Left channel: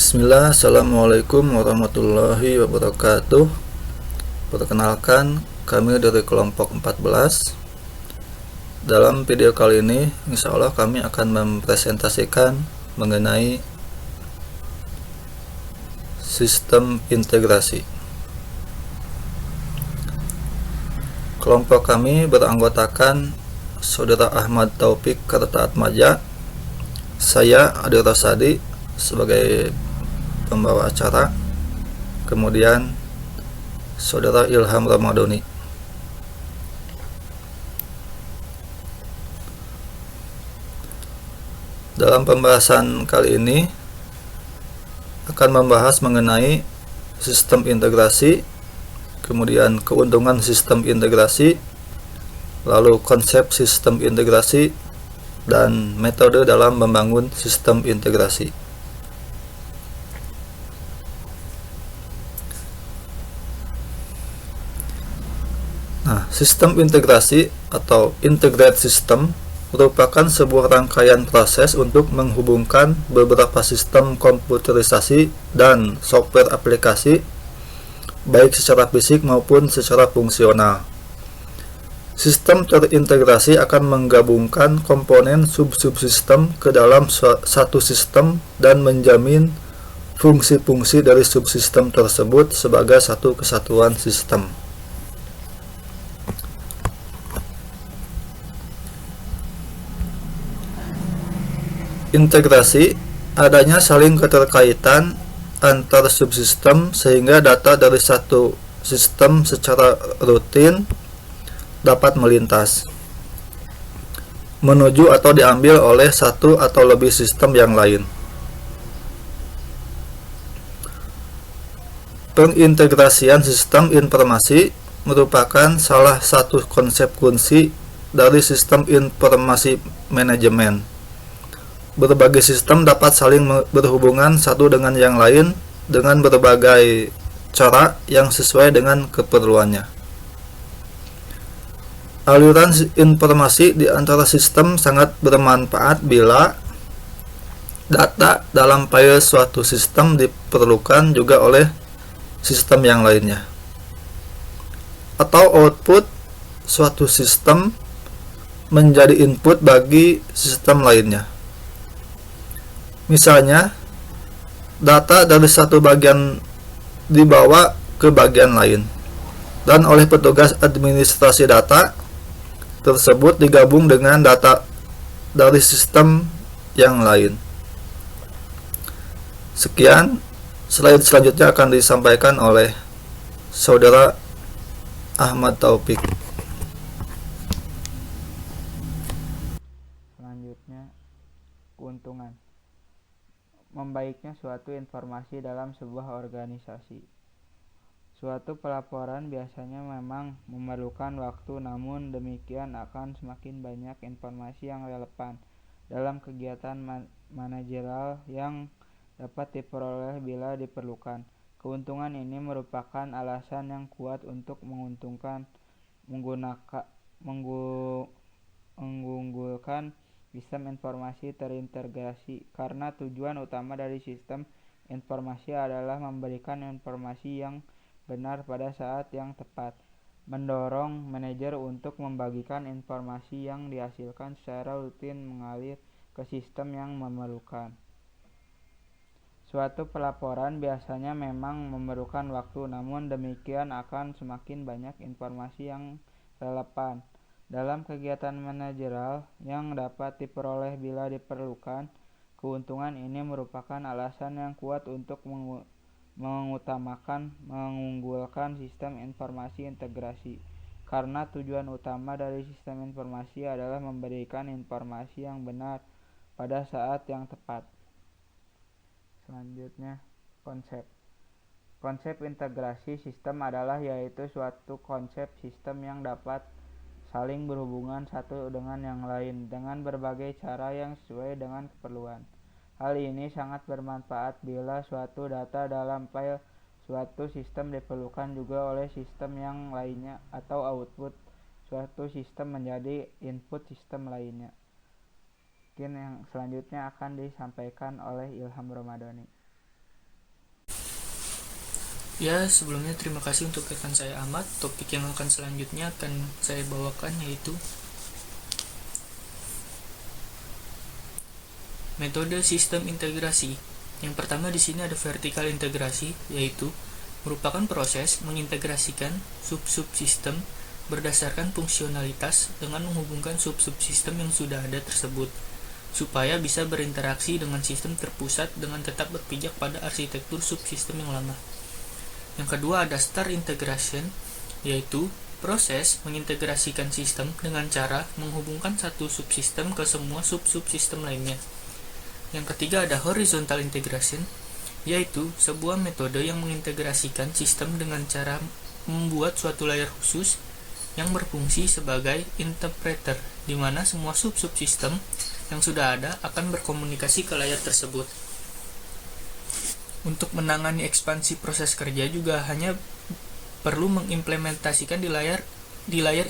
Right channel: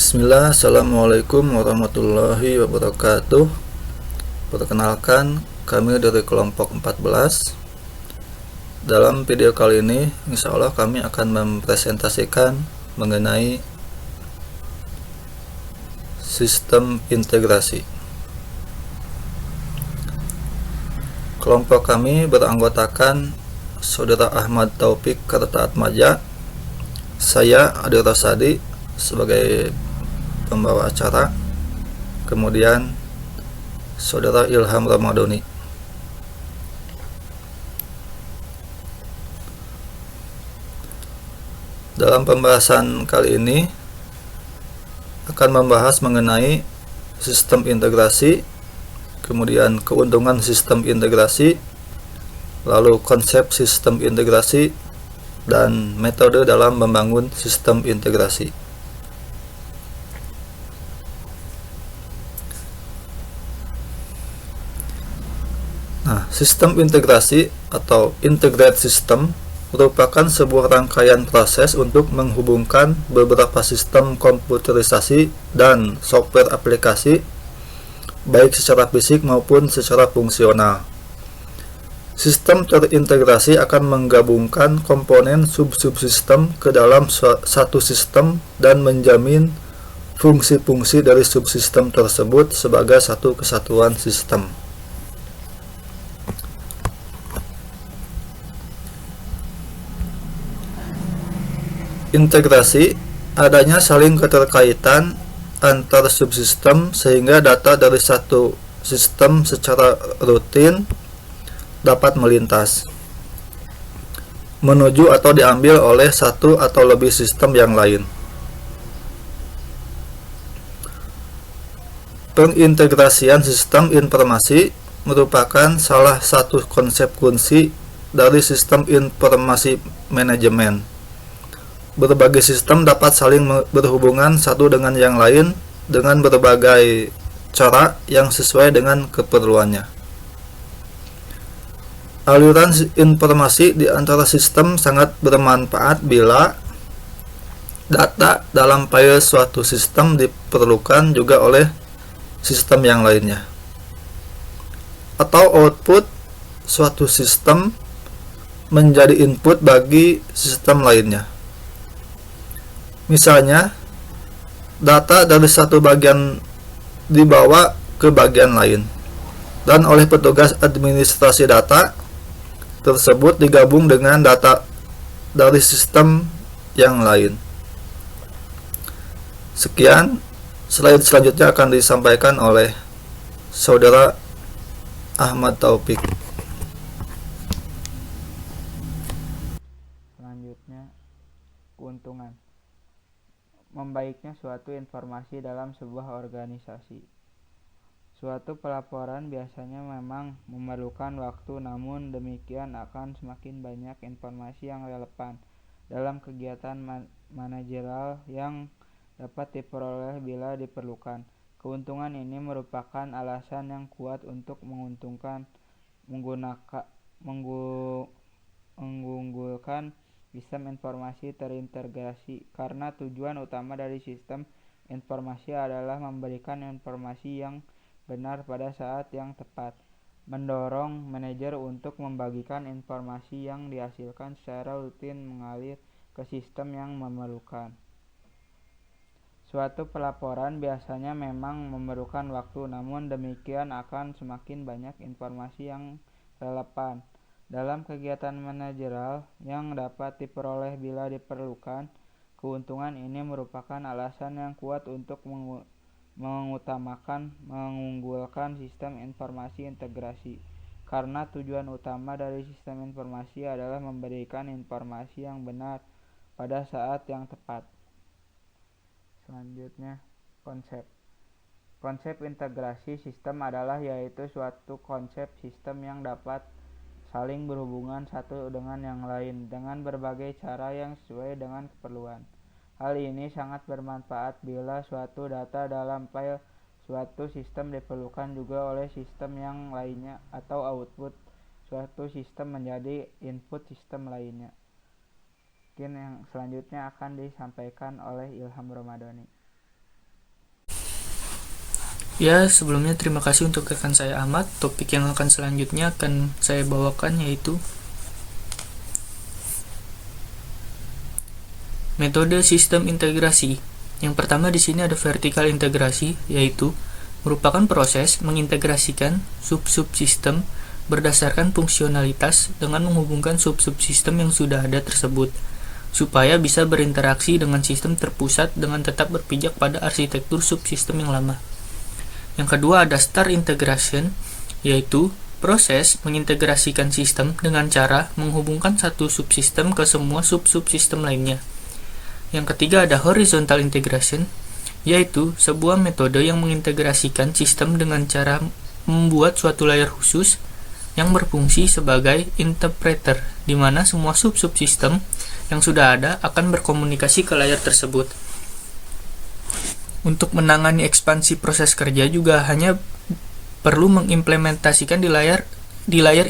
Bismillah, Assalamualaikum warahmatullahi wabarakatuh. Perkenalkan, kami dari kelompok 14. Dalam video kali ini, insya Allah kami akan mempresentasikan mengenai sistem integrasi. Kelompok kami beranggotakan Saudara Ahmad Taufik Kartaatmadja, saya Adil Rosadi sebagai pembawa acara, kemudian Saudara Ilham Ramadhani. Dalam pembahasan kali ini akan membahas mengenai sistem integrasi, kemudian keuntungan sistem integrasi, lalu konsep sistem integrasi, dan metode dalam membangun sistem integrasi. Nah, sistem integrasi atau integrated system merupakan sebuah rangkaian proses untuk menghubungkan beberapa sistem komputerisasi dan software aplikasi, baik secara fisik maupun secara fungsional. Sistem terintegrasi akan menggabungkan komponen sub-subsistem ke dalam satu sistem dan menjamin fungsi-fungsi dari subsistem tersebut sebagai satu kesatuan sistem. Integrasi adanya saling keterkaitan antar subsistem sehingga data dari satu sistem secara rutin dapat melintas, menuju atau diambil oleh satu atau lebih sistem yang lain. Pengintegrasian sistem informasi merupakan salah satu konsep kunci dari sistem informasi manajemen. Berbagai sistem dapat saling berhubungan satu dengan yang lain dengan berbagai cara yang sesuai dengan keperluannya. Aliran informasi di antara sistem sangat bermanfaat bila data dalam file suatu sistem diperlukan juga oleh sistem yang lainnya, atau output suatu sistem menjadi input bagi sistem lainnya. Misalnya, data dari satu bagian dibawa ke bagian lain, dan oleh petugas administrasi data tersebut digabung dengan data dari sistem yang lain. Sekian, slide selanjutnya akan disampaikan oleh Saudara Ahmad Taufik. Selanjutnya, keuntungan. Membaiknya suatu informasi dalam sebuah organisasi. Suatu pelaporan biasanya memang memerlukan waktu, namun demikian akan semakin banyak informasi yang relevan dalam kegiatan manajerial yang dapat diperoleh bila diperlukan. Keuntungan ini merupakan alasan yang kuat untuk mengunggulkan sistem informasi terintegrasi, karena tujuan utama dari sistem informasi adalah memberikan informasi yang benar pada saat yang tepat, mendorong manajer untuk membagikan informasi yang dihasilkan secara rutin mengalir ke sistem yang memerlukan. Suatu pelaporan biasanya memang memerlukan waktu, namun demikian akan semakin banyak informasi yang relevan dalam kegiatan manajerial yang dapat diperoleh bila diperlukan. Keuntungan ini merupakan alasan yang kuat untuk mengunggulkan sistem informasi integrasi, karena tujuan utama dari sistem informasi adalah memberikan informasi yang benar pada saat yang tepat. Selanjutnya, konsep integrasi sistem adalah yaitu suatu konsep sistem yang dapat saling berhubungan satu dengan yang lain dengan berbagai cara yang sesuai dengan keperluan. Hal ini sangat bermanfaat bila suatu data dalam file suatu sistem diperlukan juga oleh sistem yang lainnya, atau output suatu sistem menjadi input sistem lainnya. Mungkin yang selanjutnya akan disampaikan oleh Ilham Ramadhani. Ya, sebelumnya terima kasih untuk rekan saya Ahmad. Topik yang akan selanjutnya akan saya bawakan yaitu metode sistem integrasi. Yang pertama di sini ada vertikal integrasi, yaitu merupakan proses mengintegrasikan sub-sub sistem berdasarkan fungsionalitas dengan menghubungkan sub-sub sistem yang sudah ada tersebut, supaya bisa berinteraksi dengan sistem terpusat dengan tetap berpijak pada arsitektur subsistem yang lama. Yang kedua ada star integration, yaitu proses mengintegrasikan sistem dengan cara menghubungkan satu subsistem ke semua sub-subsistem lainnya. Yang ketiga ada horizontal integration, yaitu sebuah metode yang mengintegrasikan sistem dengan cara membuat suatu layer khusus yang berfungsi sebagai interpreter, di mana semua sub-subsistem yang sudah ada akan berkomunikasi ke layar tersebut. Untuk menangani ekspansi proses kerja juga hanya perlu mengimplementasikan di layar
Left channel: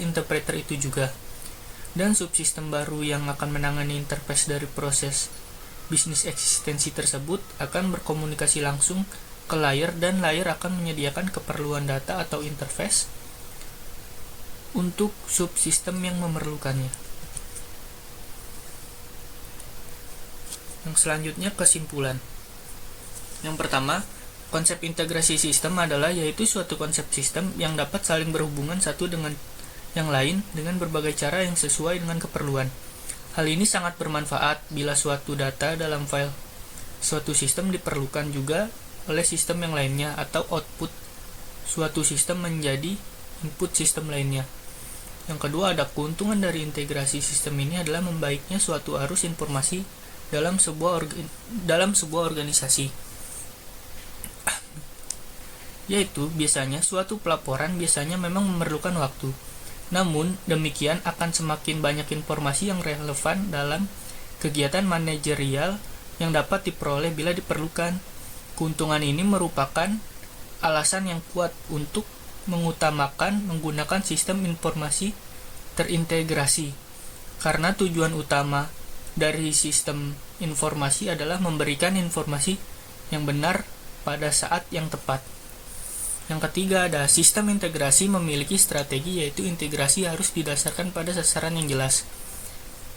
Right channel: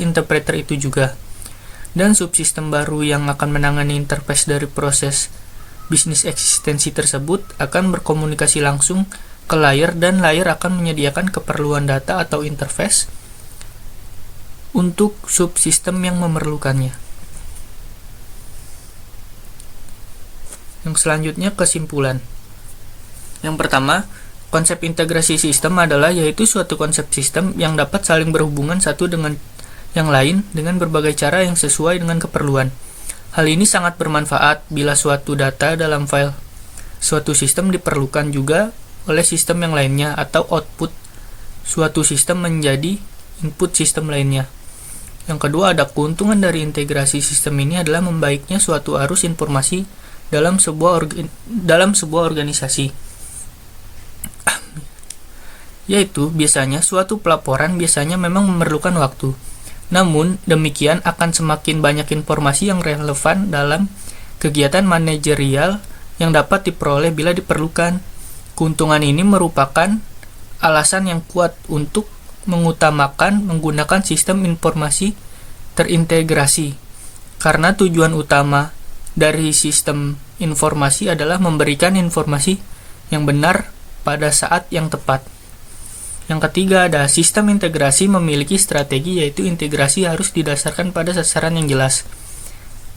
interpreter itu juga. Dan subsistem baru yang akan menangani interface dari proses bisnis eksistensi tersebut akan berkomunikasi langsung ke layar, dan layar akan menyediakan keperluan data atau interface untuk subsistem yang memerlukannya. Yang selanjutnya kesimpulan. Yang pertama, konsep integrasi sistem adalah yaitu suatu konsep sistem yang dapat saling berhubungan satu dengan yang lain dengan berbagai cara yang sesuai dengan keperluan. Hal ini sangat bermanfaat bila suatu data dalam file suatu sistem diperlukan juga oleh sistem yang lainnya, atau output suatu sistem menjadi input sistem lainnya. Yang kedua ada keuntungan dari integrasi sistem ini adalah membaiknya suatu arus informasi dalam sebuah organisasi. Yaitu biasanya suatu pelaporan biasanya memang memerlukan waktu. Namun demikian akan semakin banyak informasi yang relevan dalam kegiatan manajerial yang dapat diperoleh bila diperlukan. Keuntungan ini merupakan alasan yang kuat untuk mengutamakan menggunakan sistem informasi terintegrasi, karena tujuan utama dari sistem informasi adalah memberikan informasi yang benar pada saat yang tepat. Yang ketiga ada sistem integrasi memiliki strategi, yaitu integrasi harus didasarkan pada sasaran yang jelas.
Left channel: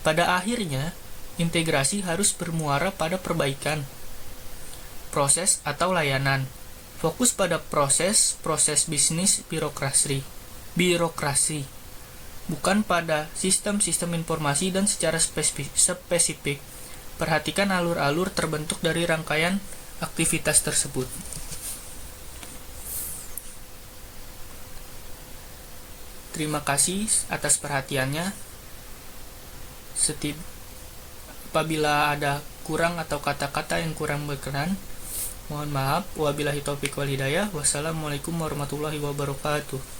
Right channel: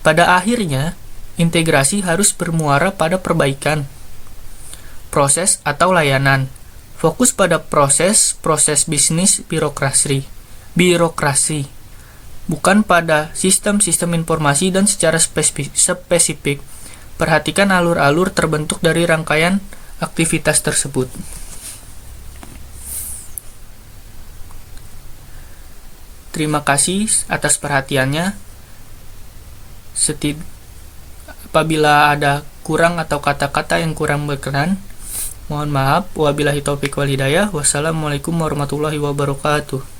Pada akhirnya, integrasi harus bermuara pada perbaikan proses atau layanan. Fokus pada proses bisnis birokrasi, bukan pada sistem-sistem informasi. Dan secara spesifik, perhatikan alur-alur terbentuk dari rangkaian aktivitas tersebut. Terima kasih atas perhatiannya. Apabila ada kurang atau kata-kata yang kurang berkenan, mohon maaf. Wabillahi taufiq wal hidayah. Wassalamualaikum warahmatullahi wabarakatuh.